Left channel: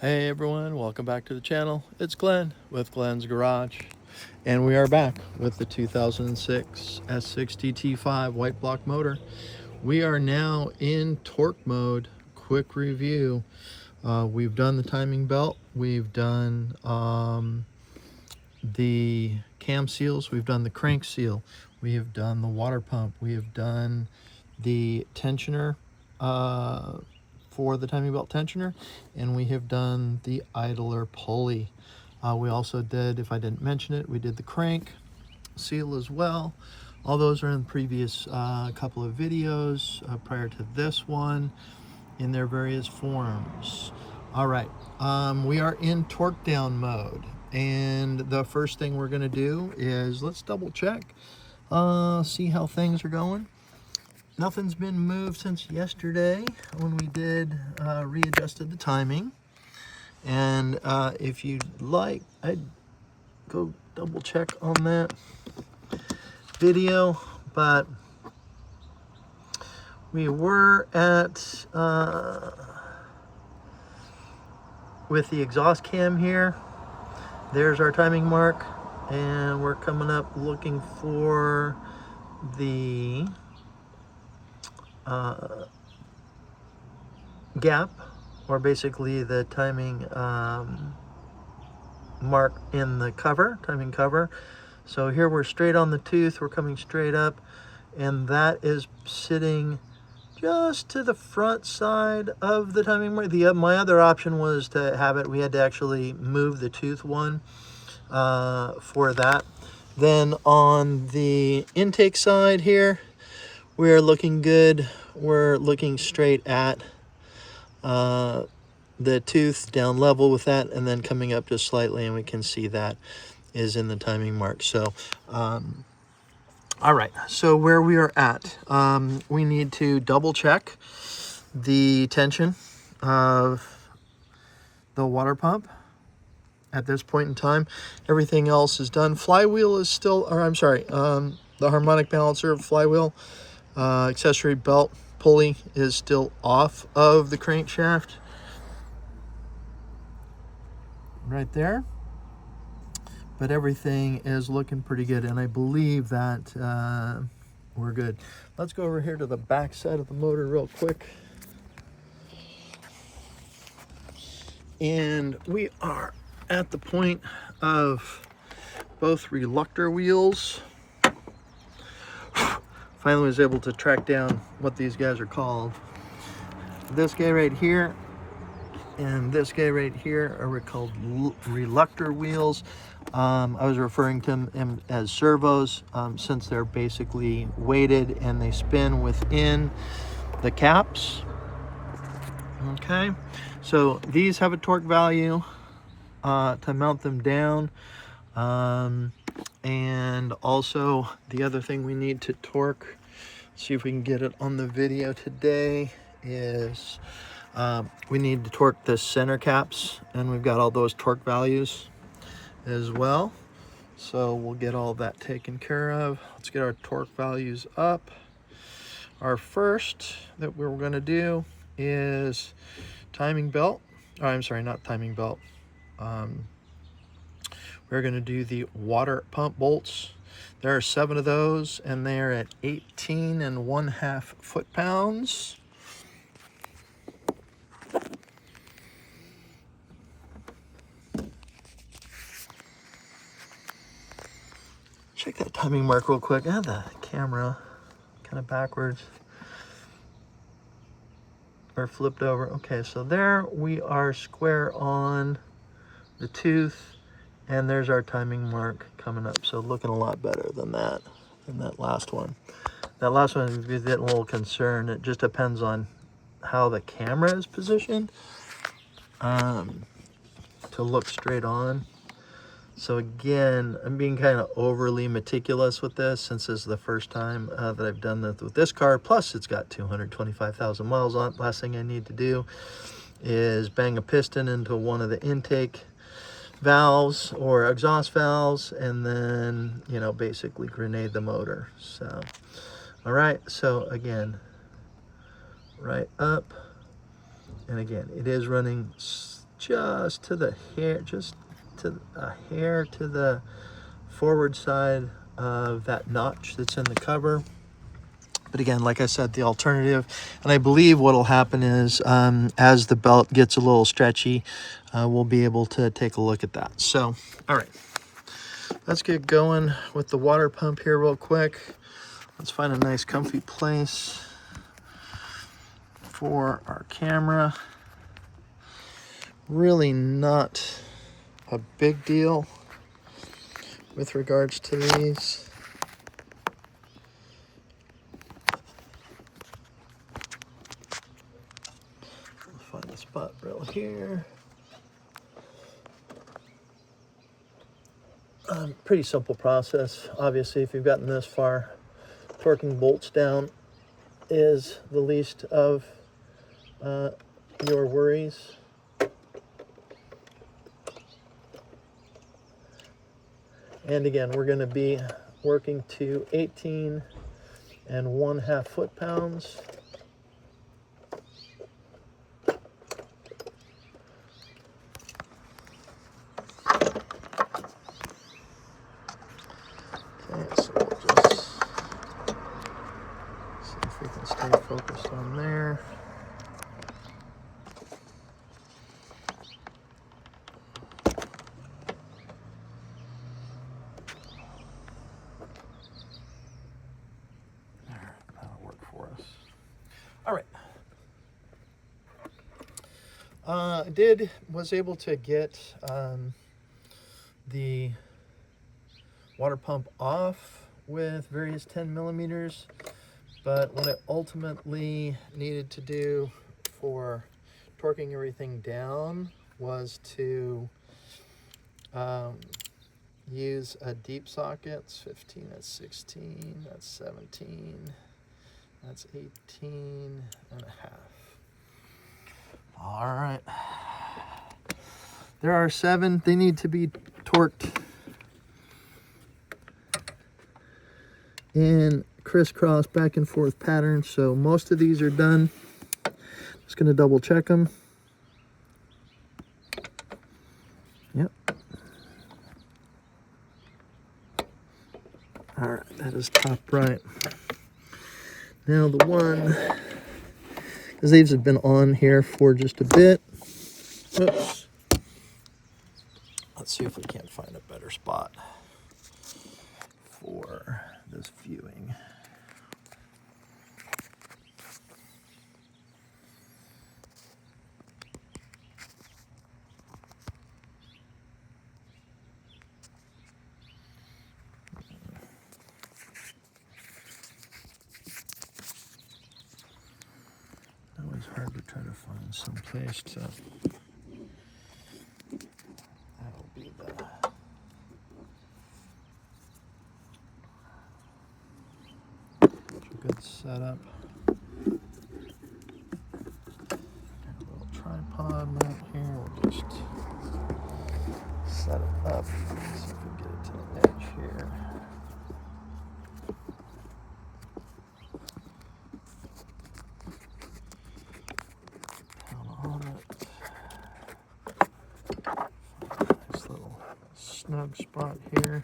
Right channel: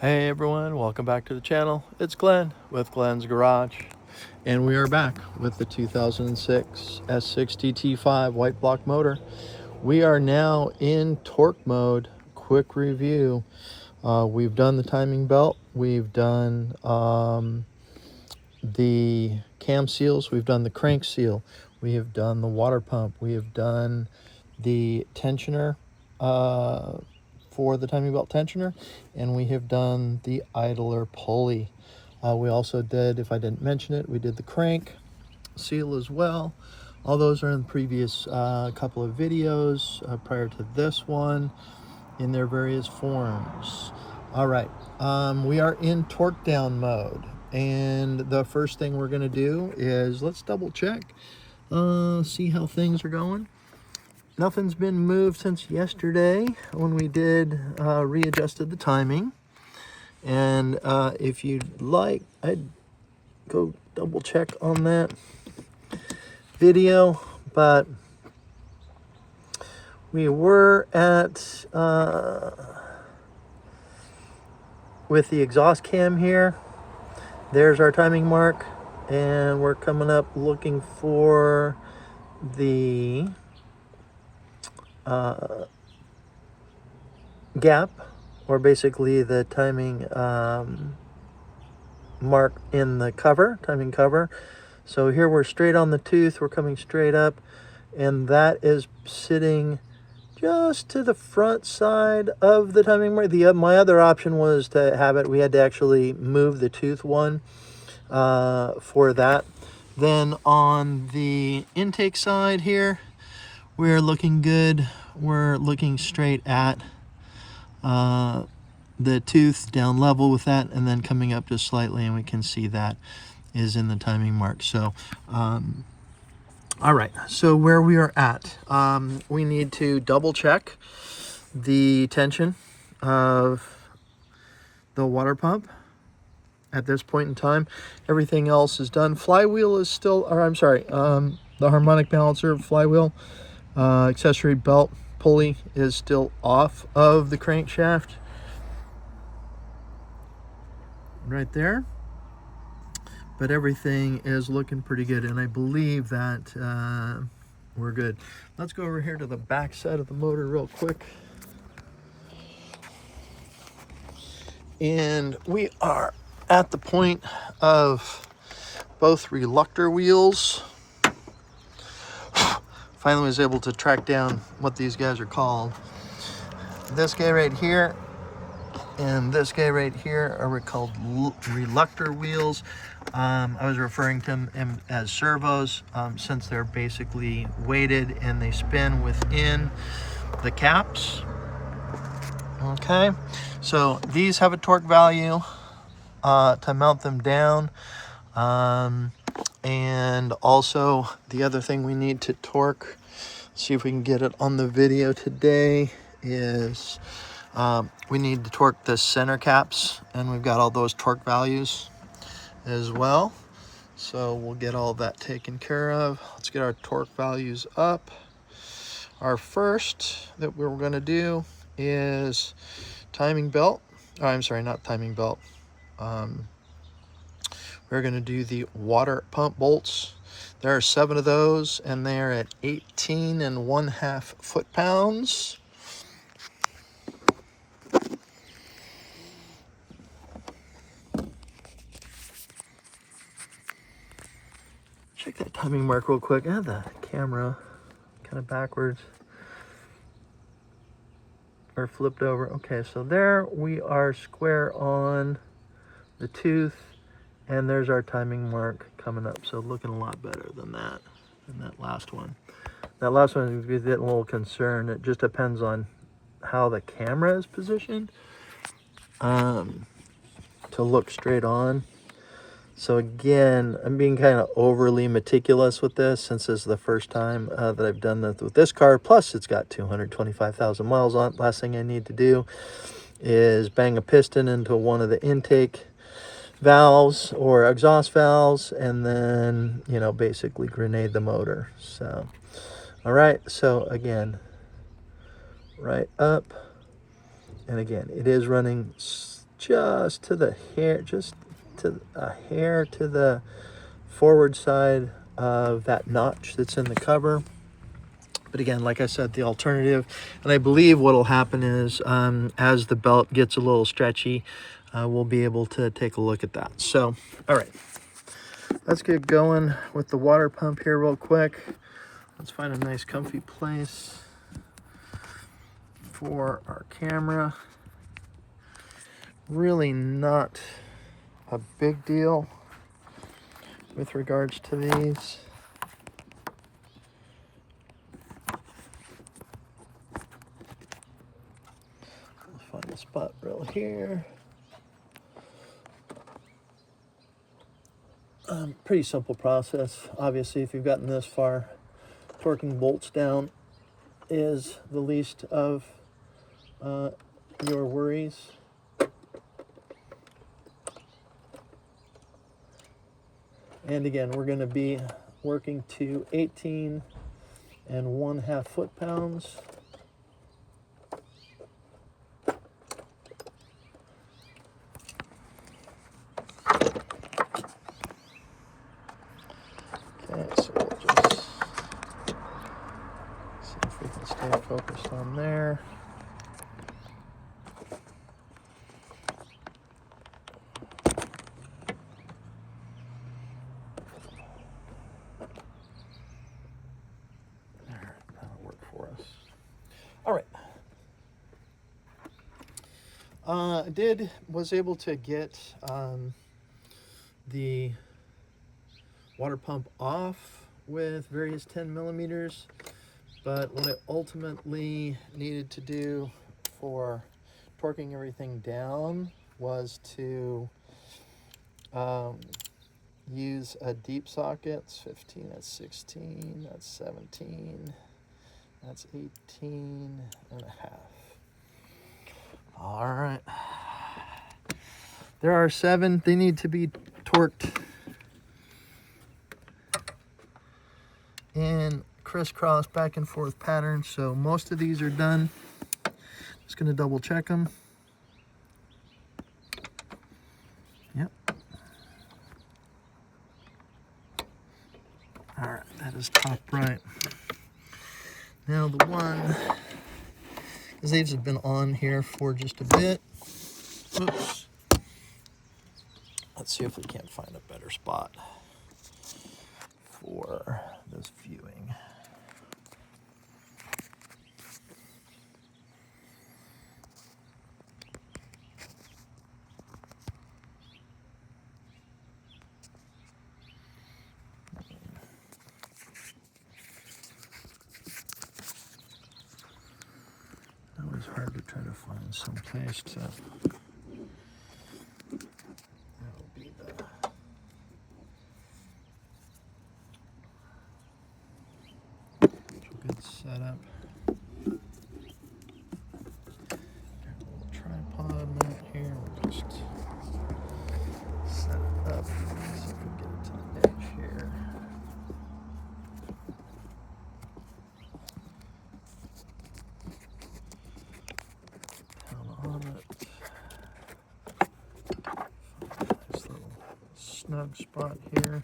Hey everyone, welcome back to the channel. It's Glenn with Glenn's Garage, and we are back with the 2006 S60 T5 white block motor. We are now in torque mode. Quick review. We've done the timing belt, we've done the cam seals, we've done the crank seal, we have done the water pump, we have done the tensioner for the timing belt tensioner, and we have done the idler pulley. We also did, if I didn't mention it, we did the crank seal as well. All those are in the previous couple of videos prior to this one in their various forms. All right, we are in torque down mode, and the first thing we're going to do is let's double check, see how things are going. Nothing's been moved since yesterday when we did readjusted the timing. And if you'd like, I'd go double check on that video. But we were at, with the exhaust cam here, there's our timing mark. And we're coming up looking for the gap, or basically the timing mark in the cover, timing cover. So here we're straight on the tooth, we're coming straight up, and that is sitting just to the front side of the timing mark. My other option was to have it, we had to actually move the tooth one for that. Then on the intake side here, we're looking good. We're looking straight at the tooth, down level with that, and then coming up just slightly, and we can see that is in the timing mark. So all right, so where we are at, we need to double check the tension of the water pump at this point in time. Everything else is done. Flywheel is still, or I'm sorry, the harmonic balancer flywheel accessory belt pulley is still off of the crankshaft right there, but everything is looking pretty good, and I believe that we're good. Let's go over here to the back side of the motor real quick, and we are at the point of both Reluctor wheels. Finally was able to track down what these guys are called. This guy right here and this guy right here are called Reluctor wheels. I was referring to them as servos since they're basically weighted and they spin within the caps. Okay, so these have a torque value to mount them down. And also the other thing we need to torque, see if we can get it on the video today, is we need to torque the center caps, and we've got all those torque values as well. So we'll get all that taken care of. Let's get our torque values up. Our first that we're going to do is timing belt. Oh, I'm sorry, not timing belt. We're going to do the water pump bolts. There are 7 of those, and they're at 18.5 foot-pounds. Check that timing mark real quick. I have the camera kind of backwards or flipped over. Okay, so there we are square on the tooth, and there's our timing mark coming up. So looking a lot better than that last one. That last one is getting a little concerned. It just depends on how the camera is positioned to look straight on. So again, I'm being kind of overly meticulous with this since this is the first time that I've done this with this car. Plus it's got 225,000 miles on it. Last thing I need to do is bang a piston into one of the intake valves or exhaust valves and then, you know, basically grenade the motor. So, all right, so again, right up, and again, it is running just to the hair, just to a hair to the forward side of that notch that's in the cover. But again, like I said, the alternative, and I believe what will happen is as the belt gets a little stretchy, we'll be able to take a look at that. So, all right, let's get going with the water pump here real quick. Let's find a nice comfy place for our camera. Really not a big deal with regards to these. Let's find a spot real here. Pretty simple process. Obviously, if you've gotten this far, torquing bolts down is the least of your worries. And again, we're going to be working to 18 1/2 foot-pounds. Okay, so we'll just see if we can stay focused on there. There, that'll work for us. All right. Was able to get the water pump off with various 10 millimeters, but what I ultimately needed to do for torquing everything down was to use a deep socket. It's 15, that's 16, that's 17, that's 18 and a half. All right. There are 7. They need to be torqued in crisscross back and forth pattern. So most of these are done. Just going to double check them. Yep. All right, that is top right. Now the one, because these have been on here for just a bit. Oops. Let's see if we can't find a better spot for this viewing. Always hard to try to find some place to. That'll be the. Good setup. Got a little tripod mat here. We'll just set it up. See if we can get it to the edge here. Down on it. Find a nice little snug spot here.